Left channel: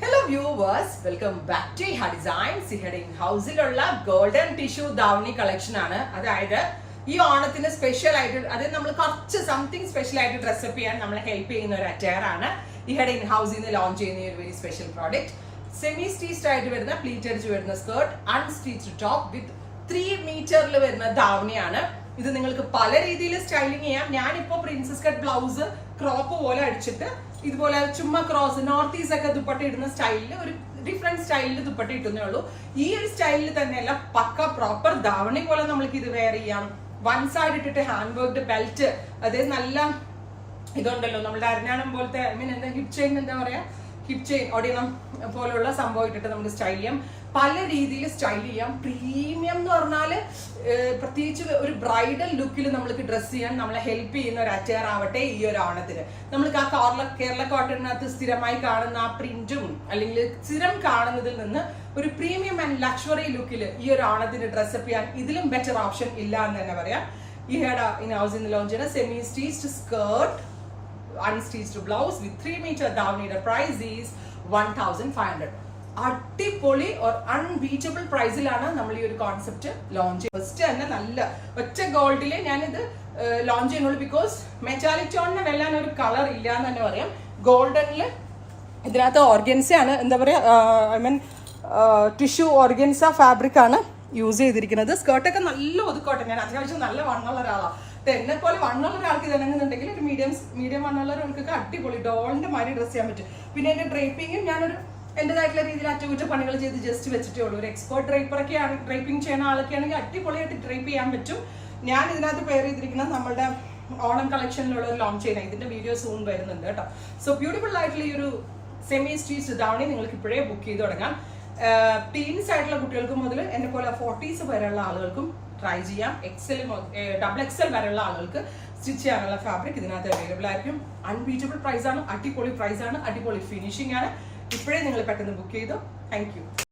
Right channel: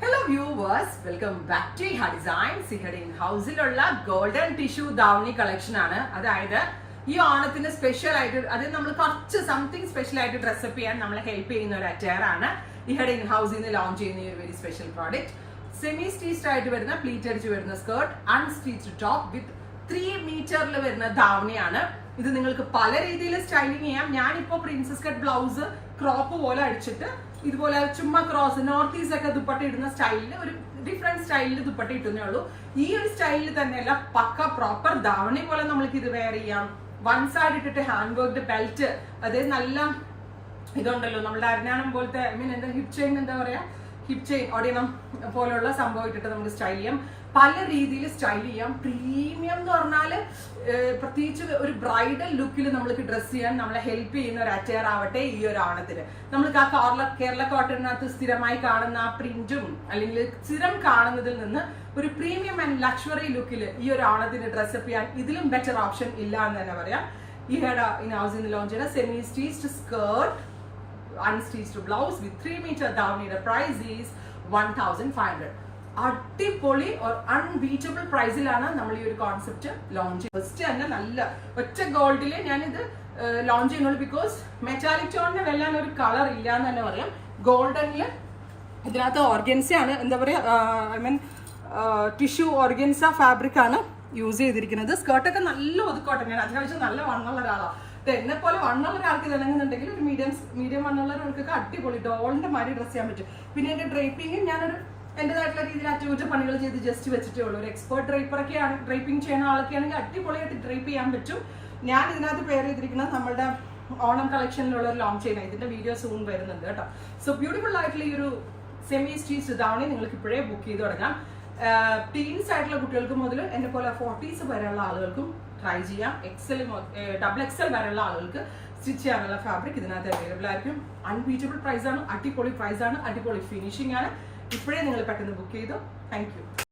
Hello viewers, welcome back to Iha Designs. Ihade in-house-ilulla golden tissue dhavani collection ആണ്. അതായത് ഈ ഓണത്തിന് special ആയിട്ട് അതായത് നമ്മൾ കുറച്ച് സംതിങ് സ്പെഷ്യൽ ആയിട്ട് ഡ്രസ്സപ്പ് ചെയ്യാൻ നമ്മളെ ഹെൽപ്പ് ചെയ്യുന്ന ഒരു അറ്റയർ ആണ്. ഇഹടെ ഇൻ ഹൗസിൽ നിന്ന് ലോഞ്ച് ചെയ്യുന്ന ഒരു very special product. Semi stitched ആയിട്ട് വരുന്ന പ്ലീറ്റ് അടിച്ച് വരുന്ന സ്കേർട്ട്, അൺസ്റ്റിച്ച്ഡ് ടോപ്പ് വിത്ത് 3 മീറ്ററിൽ വരുന്ന ധാവണിയാണ്. ഇത് നിങ്ങൾക്ക് പല രീതിയിൽ സ്റ്റൈലിംഗ് ചെയ്യാം. ഞാനിപ്പോ പ്രിൻസസ് കട്ട് ബ്ലൗസ് ക്രോപ്പ് പോലെ അടിച്ചിട്ട് ഇതുപോലെ ചുമ്മാ ക്രോസ് നോർത്ത് ഈസ്റ്റ് ഒക്കെ ദുപ്പട്ട ഇടുന്ന സ്റ്റൈലിൽ ഒരു ഡിഫറെന്റ് സ്റ്റൈലിൽ ദുപ്പട്ട ഇട്ടുന്നേ ഉള്ളൂ. ഈ ഒരു സ്റ്റൈലിൽ തന്നെയല്ല, പക്ക പ്രോപ്പർ ധാവണി പോലെ നമ്മൾക്ക് ഇത് വെയർ ചെയ്യാം. വൺ സൈഡ് ഇട്ടിട്ട് ഹാൻഡ് വർക്ക്ഡ് ബെൽറ്റ്, അതായത് നല്ല ഇതുണ്ടല്ലോ നമ്മുടെ അരഞ്ഞാണം പോലത്തെ ഐ മീൻ എന്താ ഹിപ് ചെയിൻ എന്താ പറയാ, ഹിപ് ചെയിൻ ഒടിയണം പോലുള്ള സംഭവം ഇട്ടിട്ട് നമുക്ക് സ്റ്റൈൽ ചെയ്യാം. പല രീതിയിൽ സ്റ്റൈൽ ചെയ്യാം. പ്രീമിയം എന്ന് പറഞ്ഞാല് പ്രത്യേകിച്ച് ഒരു ബ്രൈഡൽ ലുക്കിൽ നമ്മൾക്ക് ഡ്രസ് ചെയ്യാൻ നമ്മളെ ഹെൽപ്പ് ചെയ്യുന്ന ഒരു അറ്റയർ ആവട്ടെ ഈ ഒരു ഓണത്തിന്. നമ്മൾക്ക് ആ കേരള കോട്ടണിനകത്ത് സ്ഥിരമായി കാണുന്ന ആ പ്രിന്റും അല്ലെങ്കിൽ സ്ഥിരം കാണുന്നതിൽ നിന്ന് ഒരു പ്രീമിയം ആൻഡ് ലക്ഷറി ലുക്കിൽ ഈ ഒരു ഓണത്തിന് ഡ്രസ്സപ്പ് ചെയ്യാൻ ഇതിലും ബെറ്റർ ഓപ്ഷൻ ഇല്ല എന്ന് തന്നെ പറയാം. ഈ ഹെഡ ഇൻ ഹൗസിൽ നിന്ന് ലോഞ്ച് ചെയ്യുന്ന semi stitched skirt, unstitched blouse with 3 meter ധാവണിയുടെ പ്രൈസ് ഈസ് 1500. അടിപൊളി ഓർ അൺബീറ്റബിൾ പ്രൈസിലാണ് നമ്മൾ ഈ ഒരു കോൺസെപ്റ്റ് ലോഞ്ച് ചെയ്യുന്നത്. ഫസ്റ്റ് തന്നെ നല്ല ഒറ്റ ഗോൾഡില് ഞാനിത് ലോഞ്ച് ചെയ്യുന്നുള്ളൂ. ബിക്കോസ് മെറ്റാലിക് ടോണിന് വെല്ലാൻ ഒരു കളർ ഇല്ല എന്ന് തന്നെ പറയാം. ഗോൾഡനില് ഇതിനകത്ത് ഓർഗൻസ ആണ്, എന്താ പറയാ, I mean tissue organza fabric ആണ് യൂസ് ചെയ്തിരിക്കുന്നത്. സ്കേർട്ടൊക്കെ നല്ല ഒതുക്കോട്ടെ. ഞാൻ അത്യാവശ്യം നല്ല വണ്ണുള്ള ഒരാളാണ്. എന്നെ പോലെ വണ്ണുള്ള ഒരാൾക്ക് ഇറങ്ങുന്നുണ്ടെങ്കിൽ ഒരു മീഡിയം വണ്ണുള്ള ഒരാൾക്കൊക്കെ അടിപൊളി ഡോളിന്റെ മാതിരി ഡ്രസ് ചെയ്യാൻ പറ്റും. പിന്നെ എന്റെ ഡ്രേപ്പിങ്ങും ഞാനൊരു എന്റേതായിട്ടുള്ള രീതിയിൽ അറ്റകുറ്റപ്പണികൾ ചെയ്ത് ജസ്റ്റ് വെച്ചിട്ടേ ഉള്ളൂ. ഒരു എക്സ്പേർട്ട് ഡ്രൈപ്പറൊക്കെയാണ്, ഡ്രൈപ്പിംഗ് ചെയ്യുന്ന ആളൊക്കെ ആണെങ്കിൽ അടിപൊളിയായിട്ട് ഡ്രൈപ്പ് ചെയ്യാൻ പറ്റും. ഞാൻ ഇതിനകത്ത് പെയർ ചെയ്തിരിക്കുന്നത് നമ്മുടെ ഓണം കളക്ഷനിലുള്ള ഒരു ലോഞ്ച് ചെയ്യുന്നത്. ഇതിന്റെ വീഡിയോ സൂൺ വരുന്നുണ്ട് കേട്ടോ. സോ ബ്യൂട്ടിഫുൾ ആയിട്ടുള്ള ഈ ഒരു സെമി സ്റ്റിച്ച്ഡ് ധാവണി നിങ്ങൾക്ക് ഇപ്പോഴേ ബുക്ക് ചെയ്ത് തുടങ്ങാം. ടീൻസ് ആയിട്ടുള്ള കുട്ടികൾക്ക് മുതൽ എന്നെ പോലെ 40s വരെയുള്ള ആളുകൾക്കും ട്രൈ ചെയ്യാം. ഡബിൾ എക്സൽ വരെയുള്ള ആളുകൾക്ക് സ്റ്റിച്ച് ചെയ്യാനുള്ള ഫാബ്രിക് ഇതിനകത്ത് അവൈലബിൾ ആയിരിക്കും. അൺബീറ്റബിൾ പ്രൈസ് ആണ്, അടിപൊളി പ്രൈസ് ആണ്, അടിപൊളി ഫിനിഷിംഗ് ആണ്. ഇപ്പോഴേ നിങ്ങൾ പെട്ടെന്ന് ബുക്ക് ചെയ്തോ. Thank you.